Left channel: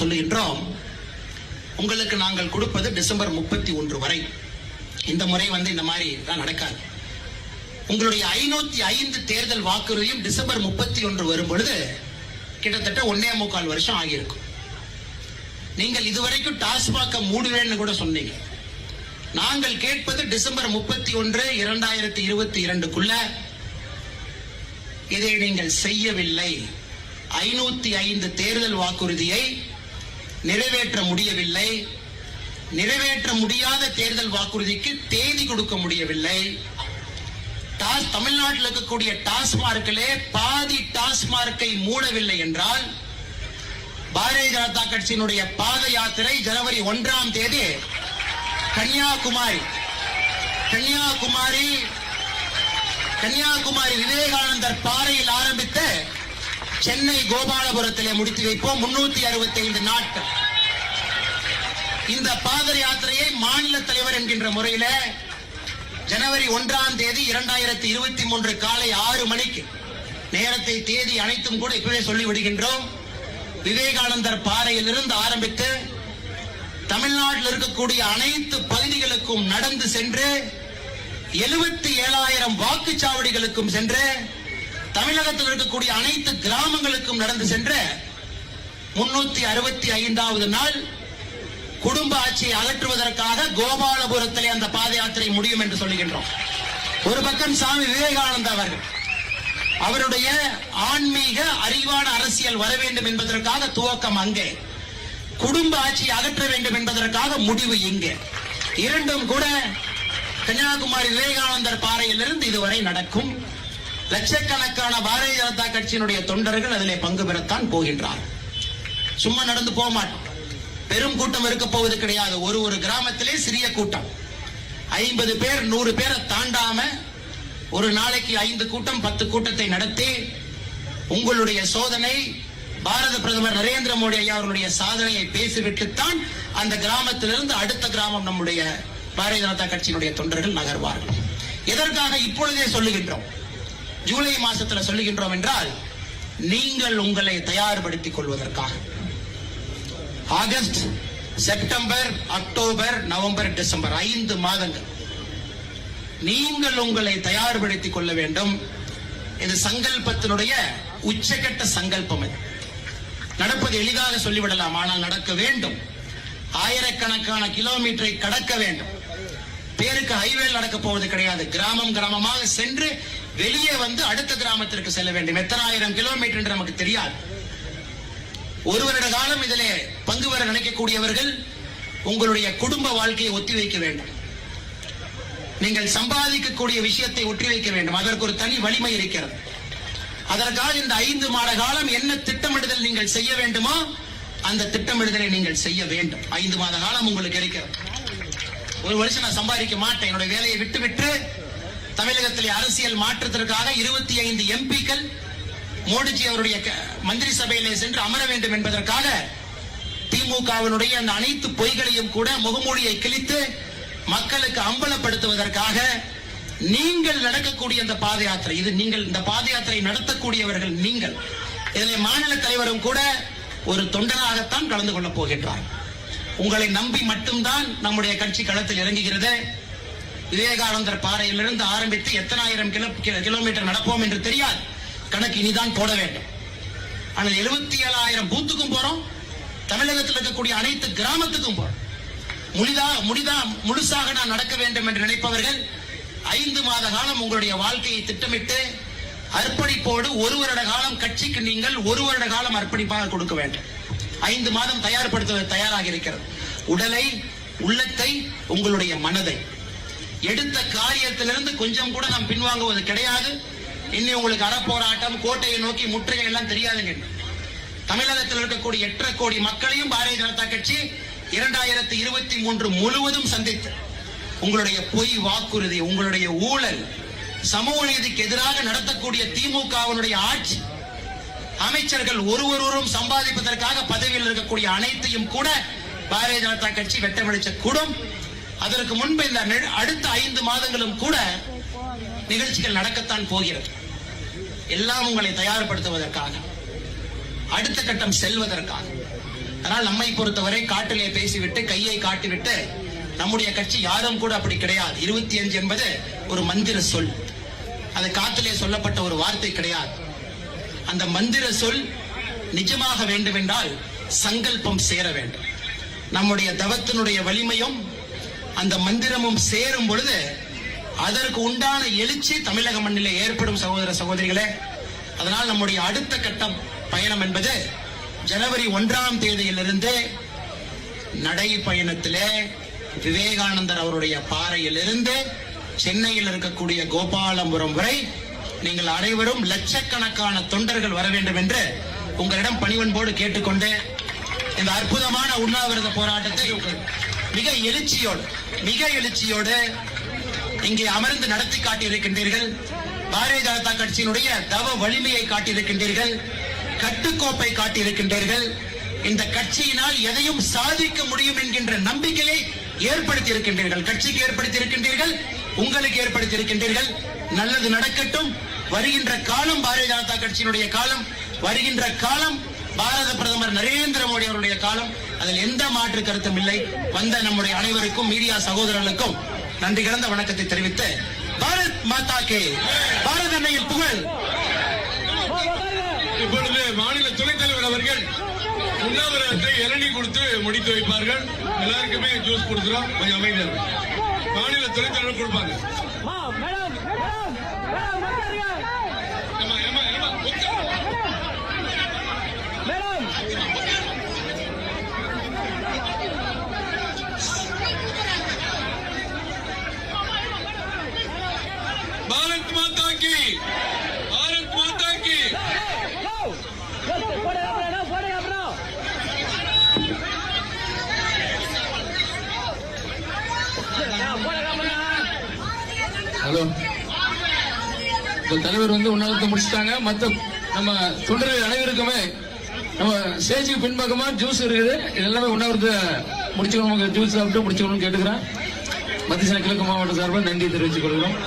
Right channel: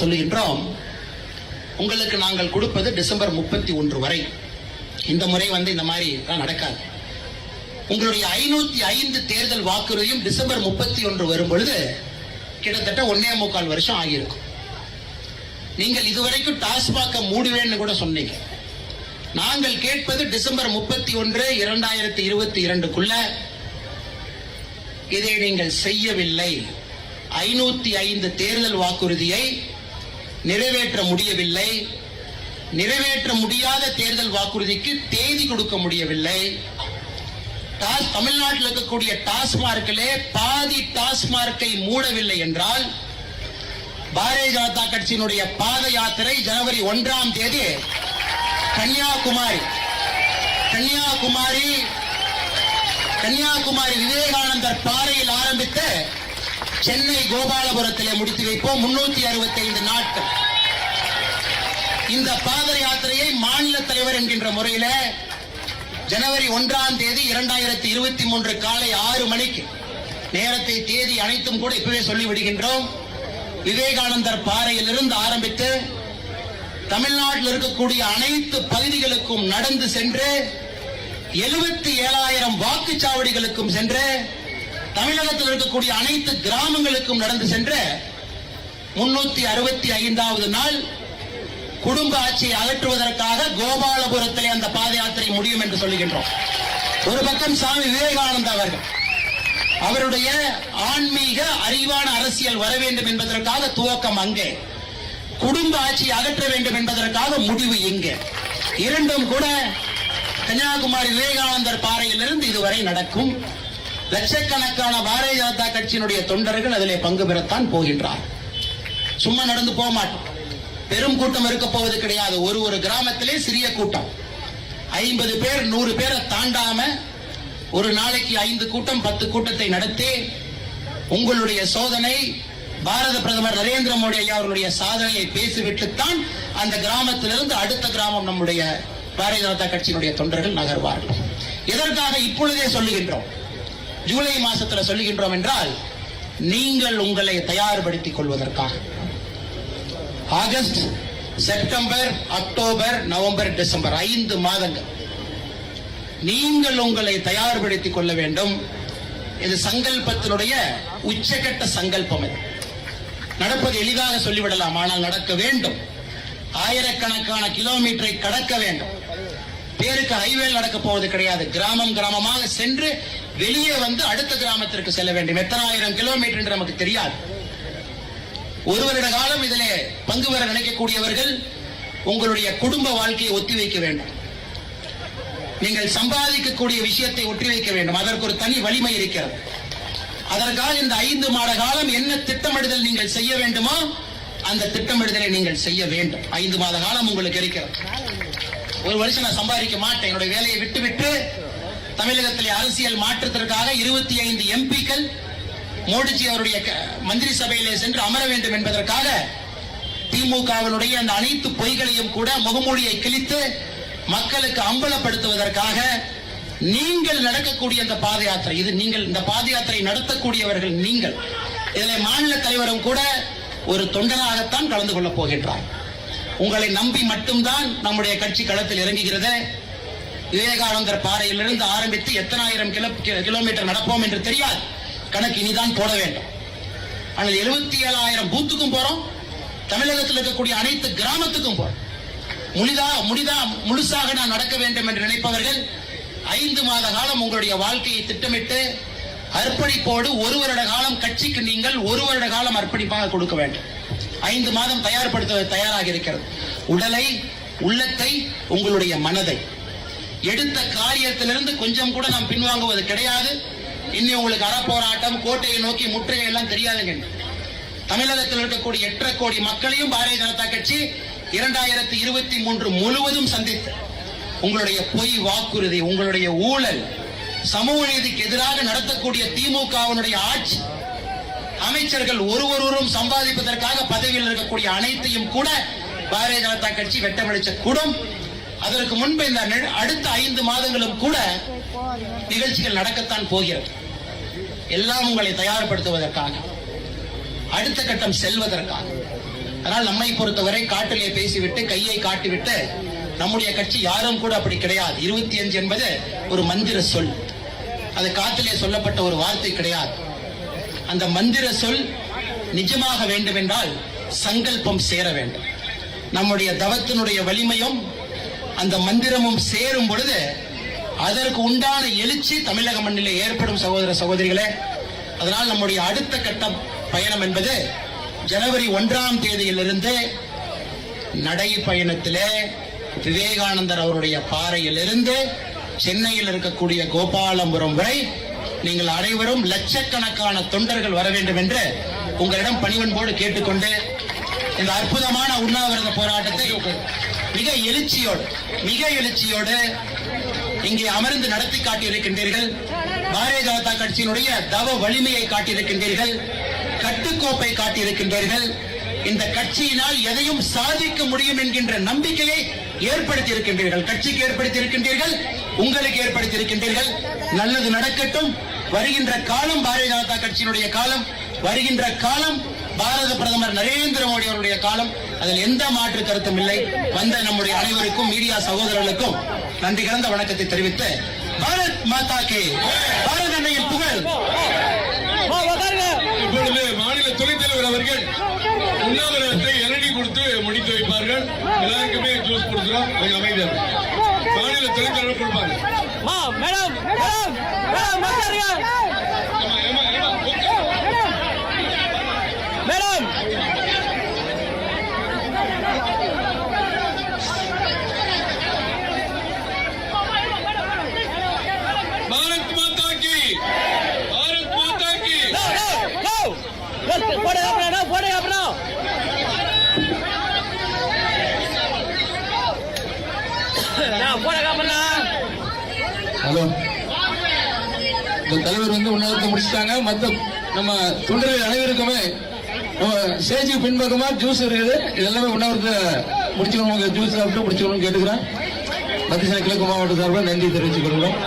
சொல்லுகின்றோம் உங்களுக்கு நாங்கள் கொடுப்பது டிசம்பர் முப்பத்தி ஒன்று வரை. இந்த முறை வந்து இந்த மாதிரி நடக்காது. உங்களுடைய ஐநூத்தி ஐந்து தேர்தல் வாக்குறுதியும் டிசம்பர் முப்பத்தி ஒன்று வரும் பொழுது கிட்டத்தட்ட ஒன்னே முக்கால் வருஷம் ஆகியிருக்கும். நீங்கள் இதுவரைக்கும் டாஸ்மாக மூடுவேன்னு கூட சொன்னீங்க. நாங்கள் கேட்பது டிசம்பர் முப்பத்தி ஒன்று இரண்டாயிரத்தி இருபத்தி இரண்டுக்குள்ள. இதை நீங்கள் செய்யவில்லை. ஐநூத்தி ஐந்து தேர்தல் வாக்குறுதியை நிறைவேற்ற முடியவில்லை. நிறைவேற்ற முடியாத தேர்தல் வாக்குறுதிக்கு தேதி கொடுக்க முடியவில்லை. தமிழ்நாட்டில் இருக்கக்கூடிய டாஸ்மார்க்கிலே பாதி டாஸ்மார்க்கை மூடவில்லை என்றால் பாரதிய ஜனதா கட்சியினுடைய பாத யாத்திரை ஜனவரி ஒன்றாம் தேதி கன்னியாகுமரி. கன்னியாகுமரி கன்னியாகுமரி விவேகானந்தர் பாறையில் ஆரம்பித்து சென்னை கோபாலபுரத்திலே முடித்து வைப்போம். முன்னூத்தி அறுபத்தி ஐந்து நாட்கள். இந்த பாத யாத்திரையை மாநில தலைவர் என்கின்ற முறையில ஜனவரி ஒன்றாம் தேதி இரண்டாயிரத்தி இருபத்தி மூன்று காலை ஆறு மணிக்கு நேரத்தை தேதி அனைத்தும் கூட இப்பவே சொல்லிவிடுகின்றோம் விவேகானந்தர் பாறையிலிருந்து ஆரம்பித்து தமிழ்நாட்டில் இருக்கக்கூடிய அனைத்து பகுதிகளுக்கும் நடந்து சென்று எழுபத்தி ஏழாயிரம் வாக்குச்சாவடிகளுக்கும் சென்று தமிழகத்தில் இருக்கக்கூடிய அனைத்து கிராமங்களுக்கும் நடந்து சென்ற முன்னூத்தி அறுபத்தி ஐந்தாவது நாள் குடும்ப ஆட்சியை அகற்றுவதற்காக கோபாலபுரத்திலே அந்த பாத யாத்திரை முடியும் என்று சொல்லுகின்றோம். ஒரு பக்கம் சாமி விவேகானந்தா அவர்கள். அவருடைய ஆன்மீக அறிவான அரசியல் வர வேண்டும் என்பதற்காக துவக்கம் அங்கே. குடும்ப ஆட்சியை அகற்ற வேண்டும் என்பதற்காக முடிவு இங்கே. இரண்டும் கூட கன்னியாகுமரி விவேகானந்தர் பாறையிலிருந்து இதுவரை நடக்கும். லட்சக்கணக்கான பாரதிய ஜனதா கட்சியினுடைய தொண்டர்கள் அதிலே பங்கு பெறத்தான் போகின்றார். சும்மா நடந்து போக மாட்டோம். பெரும் கூட்டம் இருக்க போவது கிடையாது. ஒரு ஒரு கிராமத்திலே சிறிய கூட்டம். ஐம்பது பேர் நூறு பேரை தாண்டாம ஒரு நாளைக்கு ஐந்து கூட்டம் பத்து கூட்டத்தை நடத்தி உங்களுடைய சோதனை பாரத பிரதமர் நரேந்திர மோடி ஐயா அவர்களுடைய சாதனையை பேசிவிட்டுத்தான் அந்த கிராமத்திலிருந்து அடுத்த கிராமம் நம்முடைய பாரதிய ஜனதா கட்சியினுடைய தொண்டர்கள் நகர்வார்கள். எதற்காக இப்பொழுதே சொல்லுகின்றோம்? ஜூலை மாசத்துல சொல்லுகின்றோம் என்றால் நீங்கள் உங்களை தயார்படுத்திக் கொள்வதற்காக. August September October November December ஐந்து மாதங்கள். நீங்கள் உங்களை தயார்படுத்திக் கொள்ள வேண்டும். இது சங்கல்பத்தினுடைய உச்சகட்ட சங்கல்பம் இது. நடப்பது எளிதாக சொல்லிவிடலாம் ஆனால் நடக்க வேண்டும். ஆயிரக்கணக்கான கிலோமீட்டரை கடக்க வேண்டும். பேருக்கு ஹைவேல் நடக்க போவது கிடையாது. கிராமம் கிராமமாக சென்று வெளியே வந்து அடுத்த கிராமத்திற்கு செல்ல வேண்டும். எத்தனாயிரம் கிலோமீட்டர் என்று நமக்கு தெரியாது. ஒரு வருட காலம் இதிலே பங்கு பெற நினைக்கக்கூடியவர்கள் உங்களுடைய குடும்ப வாழ்க்கையை ஒத்திவைக்க வேண்டும். நீங்கள் சம்பாதிக்கக்கூடிய விஷயத்தை ஒற்றி வைக்க வேண்டும். அதற்கு ஒரு தனி வலிமை இருக்கிறது. அதற்காக இந்த ஐந்து மாத காலம் என்ன திட்டமிடுதல் நீங்கள் செய்ய வேண்டுமோ அந்த திட்டமிடுதலை நீங்கள் செய்ய வேண்டும். ஐந்து மாத காலம் உங்களுக்கு இருக்கிறது. ஒரு வருஷம் நான் சம்பாதிக்க மாட்டேன். என்னுடைய வேலையை விட்டு விட்டு தமிழகத்திலே அரசியல் மாற்றத்திற்காக இருபத்தி ஐந்து எம்பிக்கள் மோடிஜி அவருடைய க- மந்திரி சபையிலே சென்று அமர வேண்டும் என்பதற்காக திமுகவினுடைய அந்த அனைத்து பொய்களையும் கூட முகமூடியை கிழித்து மக்களுக்கு அம்பலப்படுத்துவதற்காக நீங்கள் நடக்கக்கூடிய இந்த பாத யாத்திரை இது நீங்கள் இந்த பாத யாத்திரை நடத்தக்கூடியவர்கள் நீங்கள். இதில் மாநில தலைவரும் கூட ஒரு தொண்டனாகத்தான் கலந்து கொள்ளப் போகின்றார். உங்களை நம்பி மட்டும்தான் நம்முடைய கட்சி களத்தில் இறங்குகிறது. விவேகானந்தர் பாறையிலிருந்து ஆரம்பித்து எத்தனாயிரம் கிலோ கிலோமீட்டர் நடப்போம் என்று தெரியாது கணக்கு இனிதான் போட வேண்டும். ஆனால் எழுபத்தி ஏழாயிரம் பூத்துக்கும் போறோம். தமிழகத்தில் இருக்கக்கூடிய அனைத்து கிராமத்துக்கும் போறோம். முனிதா முனிதா முழுசாக நான் நடக்க வேண்டும் என்று நினைப்பவர்கள் ஐந்து மாத காலம் உங்களுடைய வாழ்க்கையை திட்டமிட்டு அர்ப்பணிப்போடு ஒரு வருட காலம் கட்சிக்கு நீங்கள் ஒரு வருட காலம் அர்ப்பணிப்பாக கொடுக்க வேண்டும். ஐந்து மாதம் தயார்படுத்த தயாராக இருக்கிறது. உடலை உள்ளத்தை உங்களுடைய மனதை. எடுத்த காரியத்திலிருந்து கொஞ்சம் கூட நாம் பின்வாங்குவது கிடையாது. இனி உங்களுக்கு அறப்போராட்டம் கோட்டையை நோக்கி முற்றுகை எல்லாம் தெரியாதுங்க. தமிழகத்தில் இருக்கக்கூடிய எட்டரை கோடி மக்களையும் பாரதிய ஜனதா கட்சி இரண்டாயிரத்தி இருபத்தி மூன்று முழுவதும் சந்தித்து உங்களுடைய பொய் வாக்குறுதி உங்களுடைய ஊழல் சமூக நீதிக்கு எதிராக நடத்தக்கூடிய திமுகவினுடைய ஆட்சி அமைச்சர்கள் ஒருவரும் சம்பாதிப்பதற்காக பதவியில் இருக்கக்கூடிய அனைத்தையும் கூட பாரதிய ஜனதா கட்சி வெட்டமளிச்ச கூடும். அதற்கு முன்பு இந்த அடுத்த ஐந்து மாதங்களும் கூட நிகழ்ச்சிகள் நடக்கத்தான் போகிறது. எல்லாம் உங்களை தயார்படுத்துவதற்காக அடுத்த கட்டம் செல்வதற்காக. அதனால் நம்மை பொறுத்தவரை காட்டிலே பேசிவிட்டு கையை காட்டிவிட்டு நம்முடைய கட்சி யாரும் கூட அப்படி கிடையாது. இருபத்தி அஞ்சு என்பது ஒரு மந்திர சொல். அது காத்திலே சொல்லப்பட்ட ஒரு வார்த்தை கிடையாது. அந்த மந்திர சொல் நிஜமாக வேண்டுமென்றால் சங்கல்பம் சேர வேண்டும். நம்முடைய தவத்தினுடைய வலிமையும் அந்த மந்திரமும் சேரும் பொழுது அதற்கு உண்டான எழுச்சி தமிழக மண்ணிலே ஏற்படும் சகோதர சகோதரிகளே. அதனால் நம்முடைய அடுத்த கட்டம் பயணம் என்பது ஜனவரி ஒன்றாம் தேதியிலிருந்து நடை பயணத்திலே விவேகானந்தர் அவருடைய பாறையிலிருந்து சென்னையில் இருக்கக்கூடிய கோபாலபுரம் வரை நீங்கள் அனைவரும் லட்சக்கணக்கான தொண்டர்கள் வர வேண்டும் என்று உங்களிடம் பணிவன்போடு கேட்டுக்கொண்டு இந்த அற்புதமான உண்ணாவிரத போராட்டத்தை மிக எழுச்சியோடு மிக எழுச்சியோடு இங்கே அமர்ந்து நடத்தி காட்டியிருக்கின்றீர்கள். பாரதிய ஜனதா கட்சியினுடைய தவ வலிமையை காட்டியிருக்கின்றீர்கள். கட்டுக்கோப்பை காட்டியிருக்கின்றீர்கள். இந்த கட்சியினால் எதையும் சாதிக்க முடியும் என்கின்ற நம்பிக்கையை ஏற்படுத்தி இருக்கின்றீர்கள் கட்சிக்கு ஏற்படுத்தி இருக்கின்றீர்கள் உங்களுக்கு ஏற்படுத்தி இருக்கின்றீர்கள் நல்லது நடக்கட்டும். வருகின்ற காலம் பாரதிய ஜனதா கட்சியினுடைய காலம் வருகின்ற காலம் பாரத பிரதமர் நரேந்திர மோடி அவருடைய காலம். அதில் எந்த மாற்று கருத்தும் இல்லை. வந்த நம்முடைய அனைவருக்கும் மீடியா சகோதரர்களுக்கும் நன்றி கிடந்த வணக்கத்தை தெரிவித்து பாரத் மாதா கே. பாரத அன்னையின் புகழ். இப்பொழுது மாநில துணைத் தலைவர் அவர்கள் உண்ணாவிரதத்தை இளநீ கொடுத்து முடித்து வைப்பார்கள். எல்லாருக்குமே ஜூஸ் கொடுக்கிறோம். கொஞ்சம் அமைதியா இருங்க. மாநில துணைத் தலைவர் கொடுப்பாங்க. Madam madam. மேடம் பாரத் மாதா கி பாரத் மாதா கி நோ நோ போடுங்க அப்புறம் போடுங்க அப்புறம் போடுங்க அப்புறம் ஹலோ. இந்த தலைவர் வந்து உண்ணாவிரத்தை முடிச்சிட்டாங்க. மத்த நம்ம தொண்டர்கள் அனைவருக்குமே நம்ம ஸ்டேஜுக்கு பின்பக்கமா ஜூஸ் இருக்குது. இது எல்லாமே முடிச்சுக்கணும்? ஜூஸ் சாப்பிட்டு முடிச்சுக்கணும்னு கேட்டுக்கிறேன். மத்திய கிழக்கு மாவட்ட சார்பாக நன்றி தெரிவித்துக் கொள்கிறோம்.